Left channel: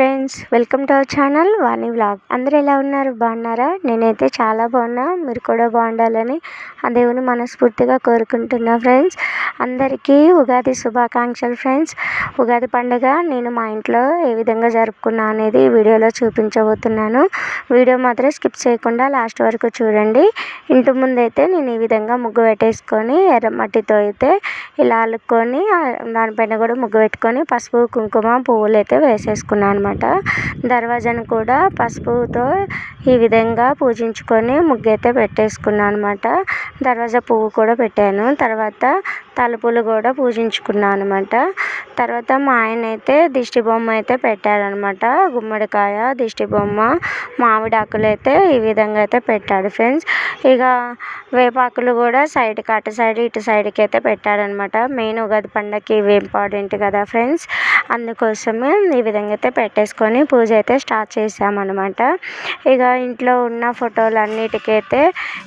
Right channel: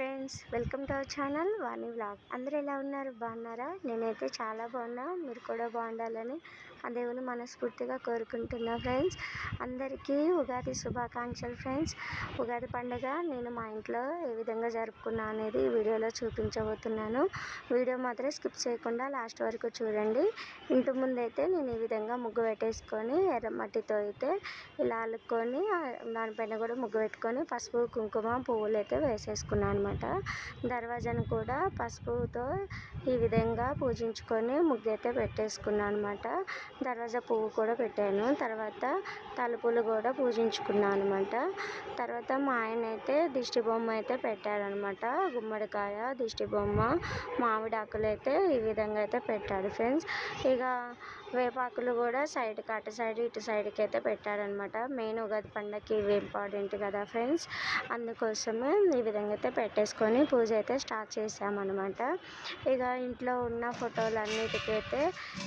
Friends, welcome to our channel Vani vlog. అందరూ ఎలా ఉన్నారు? బాగున్నారా? నేనైతే చాలా బాగున్నా. మీరు కూడా బాగుండాలని ఆ దేవుని మనస్ఫూర్తిగా కోరుకుంటున్నా. ఫ్రెండ్స్, అందరికీ ఉగాది శుభాకాంక్షలు. ఫ్రెండ్స్, ఉగాది పండుగ నేను మా ఇంట్లో ఏ విధంగా జరుపుకున్నా అనేది వీడియోలో చూపించబోతున్నాను. వీడియో మాత్రం స్కిప్ చేయకుండా లాస్ట్ వరకు చూడండి. ఇంటి ముందైతే నేను ఈ విధంగా ముగ్గు పెట్టేసుకొని ఎర్రమట్టితో అయితే ఇలా అల్లుకొని దానిపైన కూడా ముగ్గు పెట్టుకొని పసుపు కుంకుమ పువ్వులు అయితే వేసేసుకున్నాను అనమాట. దర్వాజాను కూడా పసుపుతో ఈ విధంగా పూజించుకొని ముగ్గు అయితే పెట్టేసుకున్నాను అనమాట. దర్వాజా పువ్వు కూడా పెట్టాను. తర్వాత తలుపులు కూడా పూజించుకున్నాను అనమాట. తర్వాత మా ఆయన అయితే దిష్టి బొమ్మ అయితే పెట్టాడనమాట. గుమ్మడికాయ, దిష్టి బొమ్మ, మామిడాకులు అయితే ఈ విధంగా అయితే పెట్టాడు. ఫ్రెండ్స్, ఇక వేపాకులు కూడా సైడ్కి అటు సైడ్ ఇటు సైడ్కి అయితే పెట్టాడనమాట. మెయిన్ ఉగాది పండగకి ఇవి ఇంపార్టెంట్ కదా ఫ్రెండ్స్, అందుకోసమే ఈ విధంగా అయితే పెట్టేసుకొని పూజ అయితే స్టార్ట్ చేసామన్నమాట. ఇక ఇంట్లో ఉన్న ఫోటోలు అన్నిటికైతే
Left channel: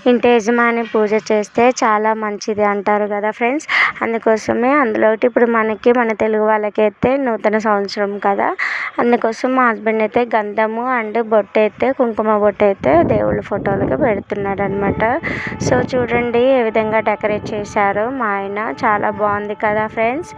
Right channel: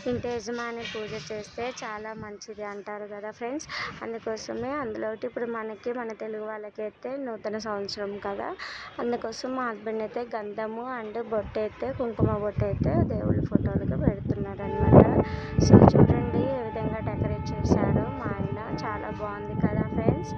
ఇంటి యజమాని పూజ చేస్తే చాలా మంచిది అంటారు కదా ఫ్రెండ్స్, అందుకోసమే అందులో ఇప్పుడు మన తెలుగు వాళ్ళకైతే నూతన సంవత్సరం కదా, అందుకోసం మా హస్బెండ్ అయితే గంధము అండ్ బొట్టు అయితే కుంకుమ బొట్టు అయితే దేవుళ్ళ ఫోటోలకి పెడుతున్నాడు అనమాట. సో చూడండి ఏ విధంగా డెకరేట్ చేశారో మా ఆయన, చాలా బాగుంది కదా ఫ్రెండ్స్.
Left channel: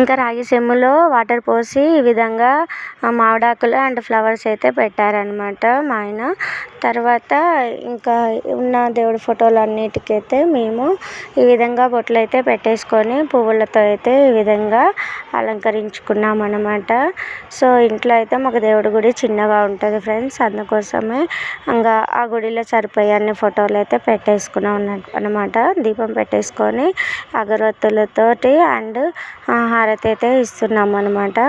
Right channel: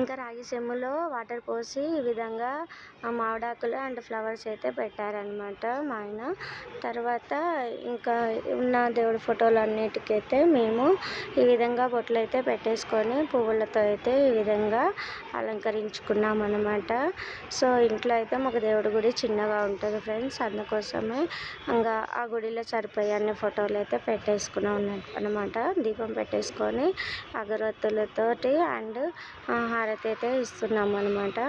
ఇంకా రాగి చెంబులో వాటర్ పోసి ఈ విధంగా మామిడాకులు అండ్ ఫ్లవర్స్ అయితే పెట్టారనమాట మా ఆయన. తర్వాత ఇంకా ఉన్న దేవుడి ఫోటోలు అన్నిటికైతే మేము ఈ విధంగా బొట్లు అయితే పెట్టేసుకొని పువ్వులతో అయితే ఈ విధంగా అలంకరించుకున్నాం అనమాట. సో ఇంట్లో అయితే మాకు దేవుడి గుడి చిన్నగా ఉంటుంది ఫ్రెండ్స్, అందుకోసమే ఇంకా ఆ గుడిలో సరిపోయే అన్ని ఫోటోలు అయితే పెట్టేసుకున్నాం అనమాట. దీపం పెట్టేసుకొని అగరొత్తులతోటి అండ్ హారతి అయితే ఇస్తున్నాం అనమాట.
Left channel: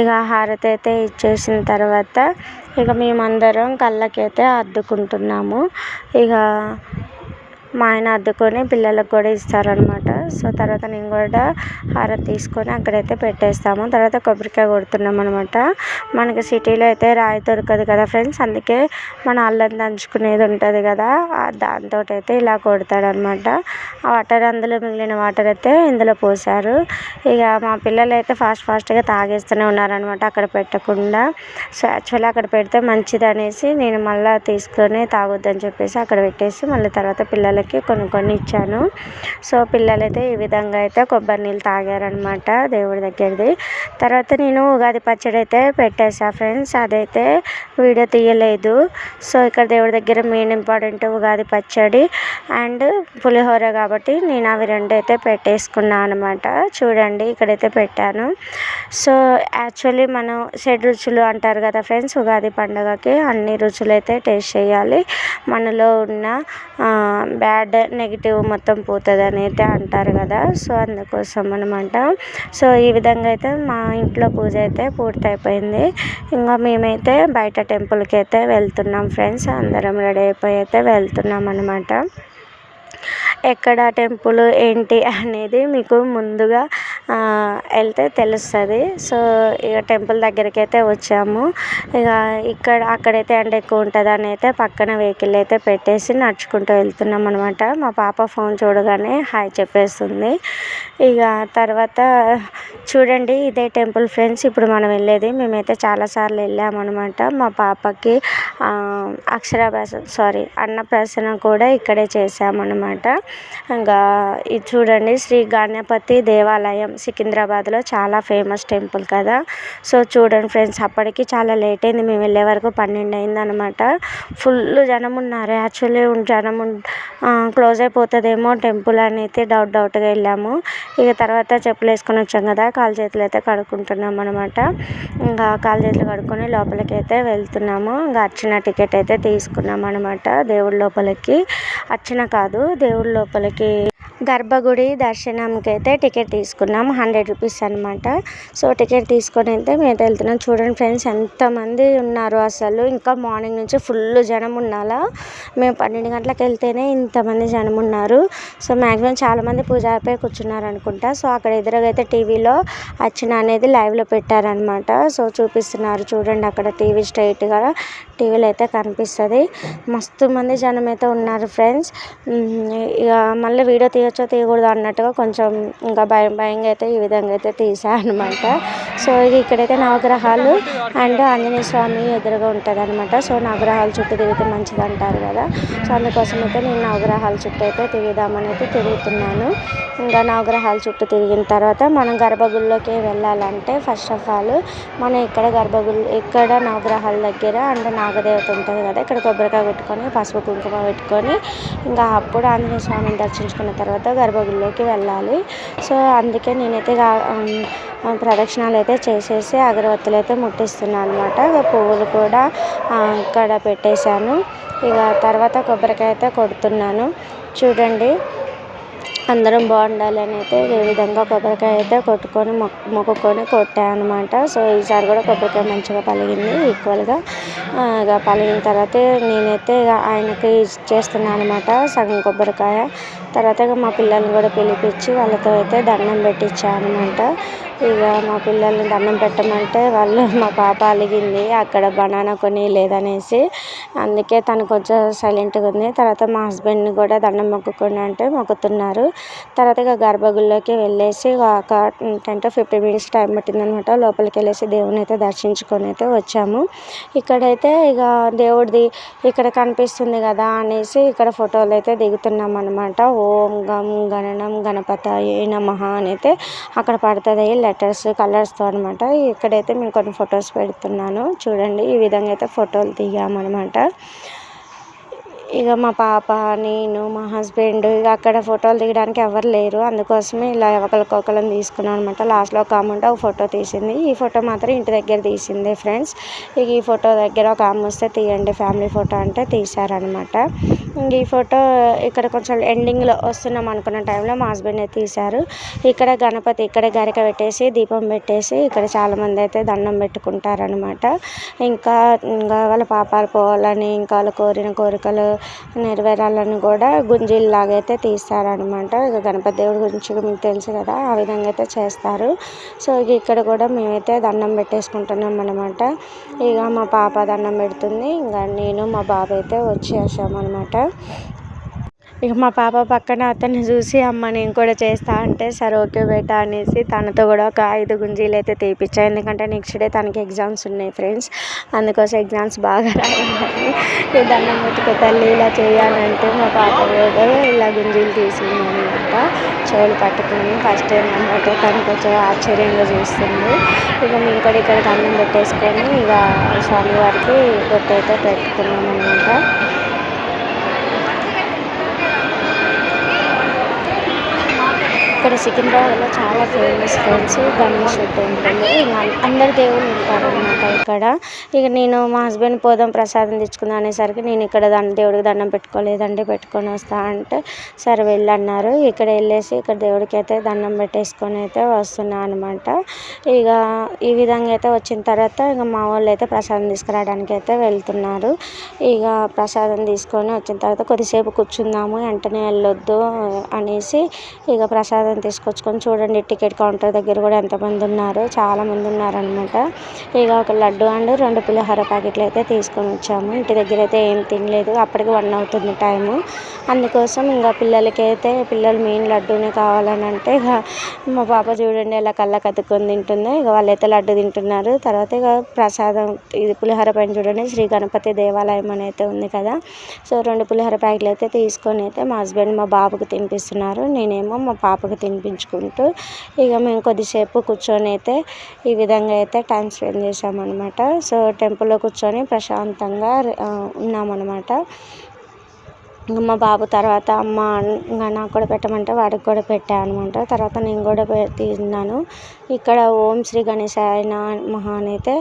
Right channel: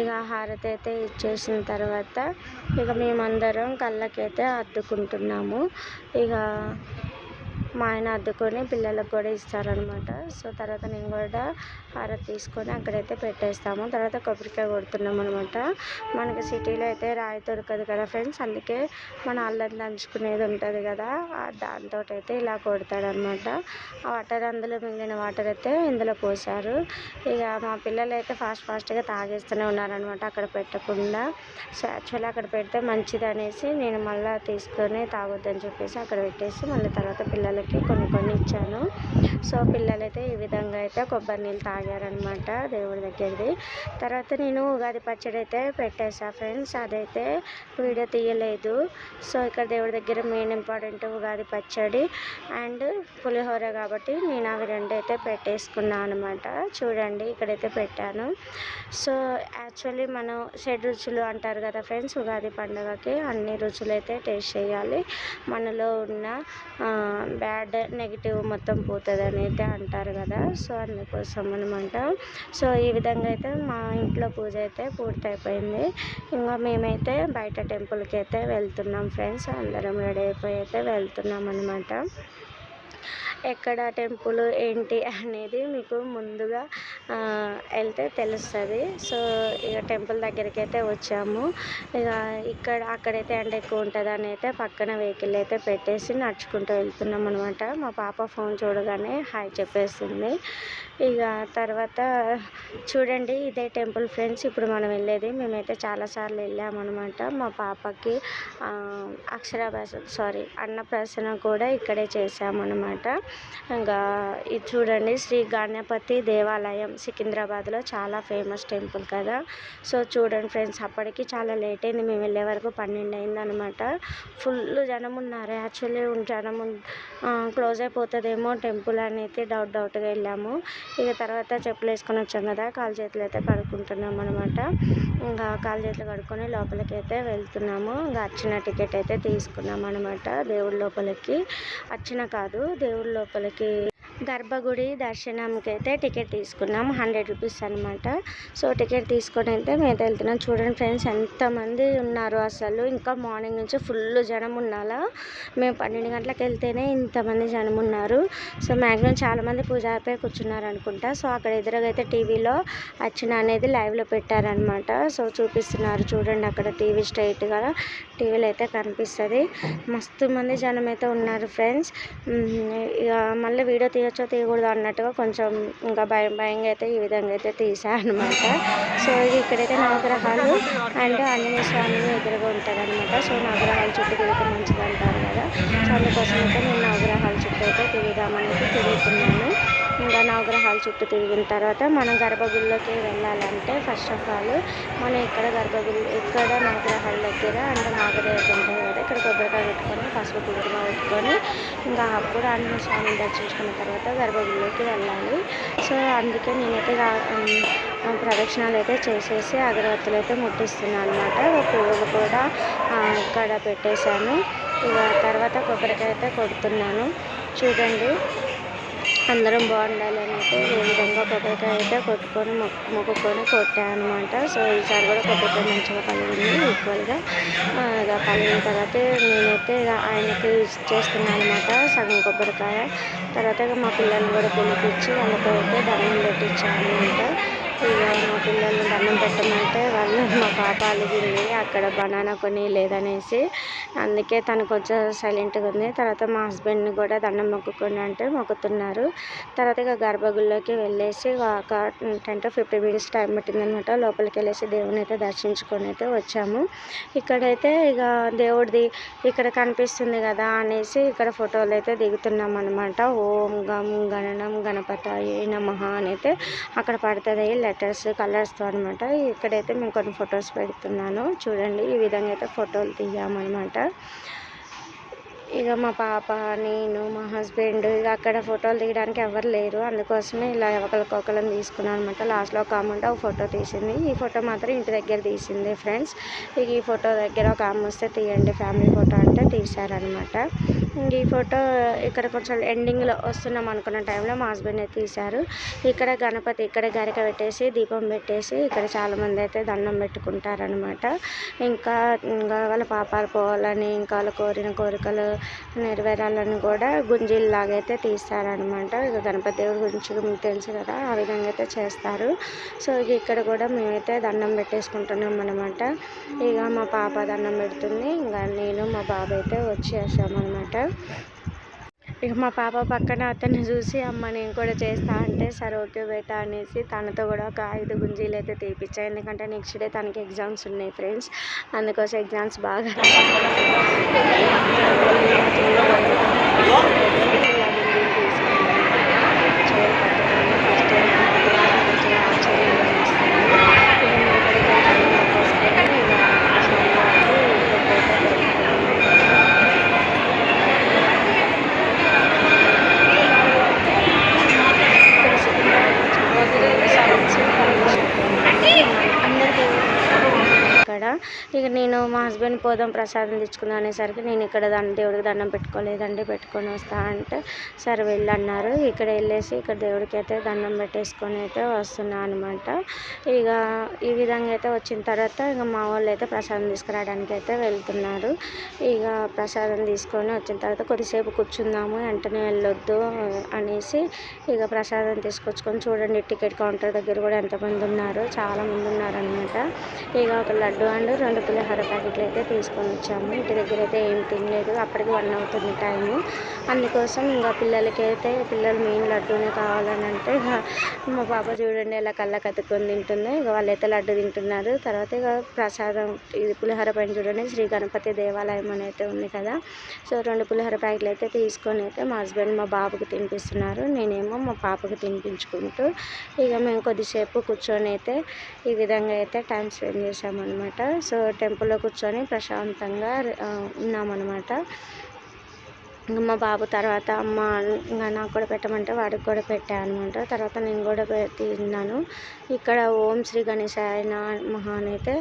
ఇక హారతి అయితే ఇచ్చేసిన తర్వాత ఇక మేమందరం కళ్ళకైతే అద్దుకుంటున్నాము. ఇక మా ఆయన అద్దుకొని పిల్లలకు కూడా ఇస్తారనమాట. సో తర్వాత నేను కూడా హారతి తీసుకొని అక్కడైతే పెట్టేస్తాము. తర్వాత కొబ్బరికాయ కొడుతున్నాం అనమాట. మనకి సిటీలో అయితే రాయి దొరకదు కదా ఫ్రెండ్స్, అందుకే మన అల్లం దంచుకునేది ఉంటుంది కదా, దాంతో అయితే ఇలా కొడతాడనమాట. ఆ వాటర్ అందులో మిగిలిన వాటర్ అయితే ఇందులో పోసారు. ఇక మా పిల్లలు అయితే ఫాస్ట్గా తాగేస్తూనే ఉన్నారనమాట అక్కడ పెట్టకుండా. సో యాక్చువల్లీ అక్కడ పెడితే మంచిది అనేసి నేను మళ్ళీ తీసుకొని తాగొద్దని చెప్పేసి అక్కడ పెట్టేసి మళ్ళీ తర్వాత పిల్లలకి కొన్ని ఇచ్చాను. సో పిల్లలైతే ఈ విధంగా అయితే కొబ్బరి నీళ్ళు తాగారనమాట దేవుడి దగ్గరది. తర్వాత నేను ఉగాది పచ్చడి అయితే పెట్టేసా ఫ్రెండ్స్, అదైతే వీడియో తీయలేదు. సో ఇక్కడ దేవుడి దగ్గర మెయిన్ ఇంపార్టెంట్ ఉగాది పచ్చడి అండ్ పులిహోర కాబట్టి నేను అవి రెండు అయితే పెట్టేసుకున్నాను అనమాట. చూడండి ఇక్కడైతే పెట్టాను. సో యాక్చువల్లీ మనం 7 రుచులు అంటారు కదా ఫ్రెండ్స్, ఉగాది పండుగకి అన్ని రుచులు అయితే టేస్ట్ చేయాలి, మనలో ఉన్న బ్యాడ్ నెగిటివ్ మొత్తం పోతుంది అని అయితే అంటారు కదా. సో అందుకోసం అనమాట. సో ఈ విధంగా అయితే మా ఇంట్లో పూజ అయితే పూర్తయిపోయింది. ఇంకా మేమైతే బయట టెంపుల్కి అయితే వెళ్తున్నాం ఫ్రెండ్స్, అందరం రెడీ అయిపోయి అయితే వెళ్తున్నాం అనమాట. ఎక్కడ టెంపుల్ ఏంటి అనేది మీకు ముందుగా వెళ్తే తెలుస్తుంది. సో ఇక టెంపుల్ దగ్గరికి అయితే వచ్చాము. ఇక అక్కడైతే ఎండ ఎక్కువ ఉంటుంది అని అయితే పక్కన వెహికల్ అయితే పెట్టేసి నడుచుకుంటూ వెళ్తున్నాం అనమాట. మా పాప ఫోన్ చూడగానే హాయ్ చెప్పేస్తుంది. ఇక తర్వాత చూడండి ఇదే టెంపుల్ ఫ్రెండ్స్ ఇప్పుడు మనం వెళ్ళేది. మేమైతే చాలాసార్లు వెళ్ళామన్నమాట. మా పాపకి అన్నప్రాసన కూడా ఇక్కడే చేసామన్నమాట. ఇంకా ఇది చూడండి శ్రీ గణపతి దేవాలయం సికింద్రాబాద్లో చాలా ఫేమస్ టెంపుల్ కదా. సో చూడండి ఫ్రెండ్స్, అప్పటికి చాలా లేట్ అయింది, మేము వెళ్ళే వరకు 12 అయింది అనమాట. ఫుల్ జనం ఉన్నారు. యాక్చువల్లీ జనం క్లోజ్ అయిపోతుందేమో టెంపుల్ అని అయితే డౌట్గా వెళ్ళాము. ఇక తర్వాత చెప్పులు వేసుకొని వచ్చాం కదా, కాలు చేతులు అయితే కడుక్కుంటున్నాం అనమాట. ఇంకా కాలు చేతులు కడుక్కొని లోపలికి అయితే వెళ్తున్నాము. ఇంకా అర్చన టికెట్ అయితే తీసుకున్నాం అనమాట. దేవుడి లోపలికి అర్చన కాదు, దేవుడి లోపలికి గర్భగుడి దర్శనంకి అయితే టికెట్ తీసుకున్నాం, 100 రూపీస్ అనమాట. సో టికెట్ తీసుకొని అయితే మేము వెళ్తున్నాం. చూడండి ఫ్రెండ్స్ ఎంతమంది ఉన్నారు అసలు, ఇంకా మార్నింగ్ నుంచి ఫుల్ జనం ఉన్నాలా. మేము 12 గంటలకు వెళ్తేనే ఇంతమంది జనం ఉన్నారు. సో మ్యాక్సిమం చాలామంది పూజ అయిపోయి కూర్చున్నారు అనుకుంటా. సో అక్కడ ఎదురుగా అయితే టీవీలో అర్చన అనేది లైవ్లో పెట్టారనమాట. సో చూపిస్తున్నారు చూడండి, అక్కడ టీవీ స్ట్రైట్గా టీవీలో అయితే కనిపిస్తుంది. మస్తు మంది జనం అయితే ఉన్నారు ఫ్రెండ్స్. ఇక మళ్ళీ వీడియో తీయచ్చో తీయకూడదు అన్నట్టుగా కొంచెం ఇంకా భయంగా అయితే ఈ విధంగా అయితే తీసా అనమాట. సో ఇది ఇక్కడైతే నవగ్రహాలు అండ్ ఆంజనేయ స్వామి ఎదురుగా ఉంటుంది అనమాట. సో నవగ్రహాల చుట్టూ తిరిగితే మంచిది అంటారు కదా. సో అందుకోసం అయితే నేను నవగ్రహాల చుట్టూ అయితే తిరుగుదామని అయితే తిరుగుతున్నాను. ఇంకా నవగ్రహాల చుట్టూ తిరిగిన తర్వాత మనం గర్భగుడిలోకి వెళ్ళాలంటే ఫస్ట్ ఆఫ్ ఆల్ మనం ఇక్కడ నవగ్రహాల దగ్గర అంటే నాగదేవత ఉంటుంది కదా, ఇక్కడ కొబ్బరికాయ పెట్టుకొని పసుపు కుంకుమ పెట్టుకొని ఇంకా అప్పుడు ఆంజనేయ స్వామిని దర్శించుకున్న తర్వాత గర్భగుడిలోకి వెళ్ళాలి. సో అందుకే నేనైతే ప్రదక్షిణాలు అయితే చేసేసి అగరవత్తులు అయితే ముట్టిస్తున్నాను అనమాట. ఇక పువ్వులు కూడా ఇక్కడ పెట్టేశాను. ఇక తర్వాత కొబ్బరికాయ అయితే కొడుతున్నాను. చూడండి, అందరం బాగుండాలని అయితే ఏ విధంగా కొబ్బరికాయ అయితే కొట్టుకొని మొక్కుకొని కొట్టాను అనమాట. సో ఈసారి కూడా కొబ్బరికాయ మంచిగా పలిగింది ఈక్వల్గా. ఇక పలిగిన తర్వాత నేనైతే ఆయనకి చేస్తున్నాను అనమాట సగం కొబ్బరికాయ. తర్వాత ఇక మా పిల్లల్ని కూడా పిలిపించి వాళ్ళతో అయితే దండం పెట్టించాను అనమాట. ఇక మా పిల్లల్ని దండం పెట్టమంటే వాళ్ళు మా పాప అలిగింది అక్కడ బనానా కొని లేదనేసి, అందుకే తను కొంచెం సైలెంట్గా ఉంది. తర్వాత మా హస్బెండ్ని కూడా దండం మొక్కుకొని అంటే మొక్కుతున్నారు. తర్వాత ఇక గర్భగుడిలోకి వెళ్ళేసి ఒక 10 to 15 minutes టైం పట్టిందనమాట. లోపలికి వెళ్ళేసి దేవుని అయితే దర్శించుకొని అయితే వచ్చాము. ఇక్కడైతే ఇక దేవుడిది ఇక్కడ కనిపిస్తుంది కదా అనేసి ఇక్కడ ఫోటోలు అయితే దిగుతున్నాం అనమాట. ఓం గం గణనం గణపతయే నమః అని అయితే అక్కడ పడుతుంది లెటర్స్ కలర్స్తో అనమాట. ఇక్కడైతే మేము కొన్ని ఫొటోస్ పెడుతున్నాను చూడండి. ఈ విధంగా అయితే ఫోటోలు దిగామన్నమాట. ఇక మా పాప, నేను, మా హస్బెండ్ ఇక అక్కడ ఫోటోలు దిగడానికి ఎవరు లేరు. అందుకోసమే ఇలా ఒకరికొకరం తీసుకున్నాం అనమాట. లాస్ట్లో ఒక ఆమె ఒక ఫోటో తీసింది. ఈ ఫోటో మాత్రం ఇంటి దగ్గర తీసింది ఫ్రెండ్స్. ఇక ఈ ఫోటో దగ్గర ఒక ఆమె వస్తే తీయండి ఫ్యామిలీ ఫోటో అంటే తీశారనమాట. ఇంక ఈ ఫోటో ఇక్కడ కొంచెం ఎండింగ్లో వస్తున్నాం అనుకున్న టైంలో మా హస్బెండ్ అయితే తీశారు. ఇక్కడ గణపతి ఇక్కడ గరిక పెట్టేసి దీపం పెట్టేసి ఇక్కడ చాలామంది అయితే దండం పెట్టుకుంటారనమాట. ఇంకా వాళ్ళ పాపాలు పోవాలని ఇంకా వాళ్ళు కోరిన కోరికలు నెరవేరాలని కూడా గుంజీలాగా అయితే తీస్తారనమాట. ఇక గణపతి దేవుడి గురించి మీకు తెలుసు కదా, ఆ విధంగా అయితే చేస్తారు. సో ఇక్కడ కూడా మేమైతే దండం పెట్టేసుకుంటున్నాం అనమాట. ఇక మా పాప దండం పెడుతుంది, ఇంకా నేను మా బాబు అయితే వచ్చేసామన్నమాట. ఇక మా పాప పక్కన అతన్ని చూసి అమ్మ నేను కూడా చేస్తా అంటే సరే ఓకే బేటా అనేసి తనతో కూడా ఒక 5 గుంజీలు అయితే తీపిచ్చాను. ఎందుకంటే నెక్స్ట్ డే తనకి ఎగ్జామ్స్ ఉన్నాయి ఫ్రెండ్స్. అందుకోసం ఎగ్జామ్స్ బాగా దాన్ని ముట్టుకు తల్లి ఇలా చేయాలంటే మా పాప కూడా ఇలా గుంజీలు తీసింది అనమాట. చెవులు పట్టుకుని ఫస్ట్ టైం అయితే తను కొంచెం ఆశ్చర్యంగా చూస్తుంది. ఇక మేము కూడా ఇక్కడ దండం పెట్టేసుకొని ఇక స్వామి వారికి పెట్టయితే పెట్టుకున్నాం అనమాట. ఇక్కడ సికింద్రాబాద్లో చాలా ఫేమస్ ఫ్రెండ్స్ గణేష్ టెంపుల్. అందరు దేవుళ్ళు ఉంటారు అనమాట ఇక్కడ. ఇక నేను మా హస్బెండ్ పోదాం ప్రసాదం తెచ్చుకుందాం అనేసరికి నేను ఇక్కడ దేవుడికి దండం పెట్టుకోలేదండి పెట్టుకొని వస్తా అంటే సరే వెళ్ళన్నారు. ఇక్కడ వెళ్ళేసి ఇక్కడ దేవుడికి అయితే దండం పెట్టేసుకొని అయితే వస్తున్నాను అనమాట. ఇక ఈ విధంగా అయితే వచ్చిన తర్వాత ఇక మా వాళ్ళు అయితే ప్రసాదం తీసుకురావడానికి అయితే వెళ్తున్నారు. ఇక ప్రసాదం తీసుకొని వచ్చిన తర్వాత కొద్దిసేపు కూర్చుందాము వెంటనే వెళ్ళొద్దు అనేసి ఇక ప్రసాదం తీసుకొచ్చుకొని చూడండి టికెట్ కౌంటర్ దగ్గర కూడా ఎంతమంది ఉన్నారు, చాలామంది ఉన్నారనమాట. ఇక ఒక లడ్డు అండ్ 2 పులిహోర ప్యాకెట్లు అయితే తీసుకొని వచ్చాము. ఇంటి దగ్గర అయితే ఏం తినలేదు, అప్పటికి 1 అవుతుంది టైము. అందుకోసం ఇంకా పిల్లలు మెయిన్ లడ్డూనే కావాలని అంటే ఇక మా పాప చూడండి ఎలా కళ్ళకి అతుక్కొని తింటుందో. ఇక వాళ్ళైతే లడ్డు తింటున్నారు. తర్వాత ఇక ప్రసాదం ఇది పులిహోర పైన చూడండి శ్రీ గణపతి దేవాలయం అని అయితే ఉంది కదా. సో 2 పులిహోర ప్యాకెట్లు అయితే తీసుకొని అయితే మా హస్బెండ్ మా బాబుకి తినిపిస్తున్నారు. నేనేమో మా పాపకు తినిపించుకుంటూ ఇక మేము కొద్దిసేపు కూర్చొని అయితే ఈ విధంగా అయితే టైం స్పెండ్ చేసామన్నమాట. సో టెంపుల్లో కూర్చొని ప్రశాంతంగా ఉన్నామన్నమాట. ఇంకా మా బాబు తర్వాత అమ్మ ఇంకా నాకు కూడా పెట్టమంటే వాడికి కూడా పెట్టాను అనమాట. తర్వాత నేను కూడా తిన్నాను. ఇక్కడ ఓం శ్రీ గణేశాయ నమః అని అయితే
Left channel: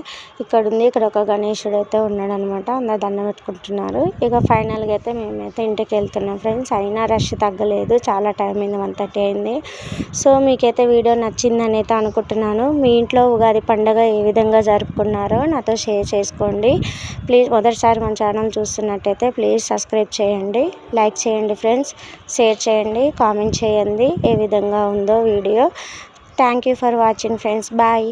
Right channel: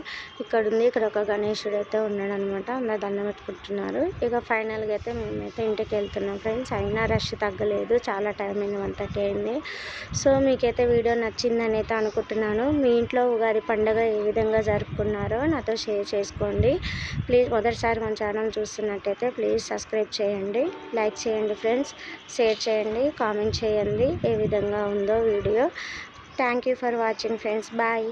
ఇక్కడ ఉంది. ఇక్కడ ఒక గణేశుడు అయితే ఉన్నాడు అనమాట. అందరు దండం పెట్టుకుంటున్నారు. ఇక ఫైనల్గా అయితే మేమైతే ఇంటికి వెళ్తున్నాం ఫ్రెండ్స్. అయినా రష్ తగ్గలేదు, చాలా టైం అయింది, 1:30 అయింది. సో మీకైతే వీడియో నచ్చిందని అయితే అనుకుంటున్నాను. మీ ఇంట్లో ఉగాది పండుగ ఏ విధంగా జరుపుకున్నారో నాతో షేర్ చేసుకోండి ప్లీజ్. మొదటిసారి మన ఛానల్ చూస్తున్నట్టయితే ప్లీజ్ సబ్స్క్రైబ్ చేయండి, లైక్ చేయండి ఫ్రెండ్స్, షేర్ చేయండి, కామెంట్ చేయండి ఏ విధంగా ఉందో video. Thank you for watching friends. Bye.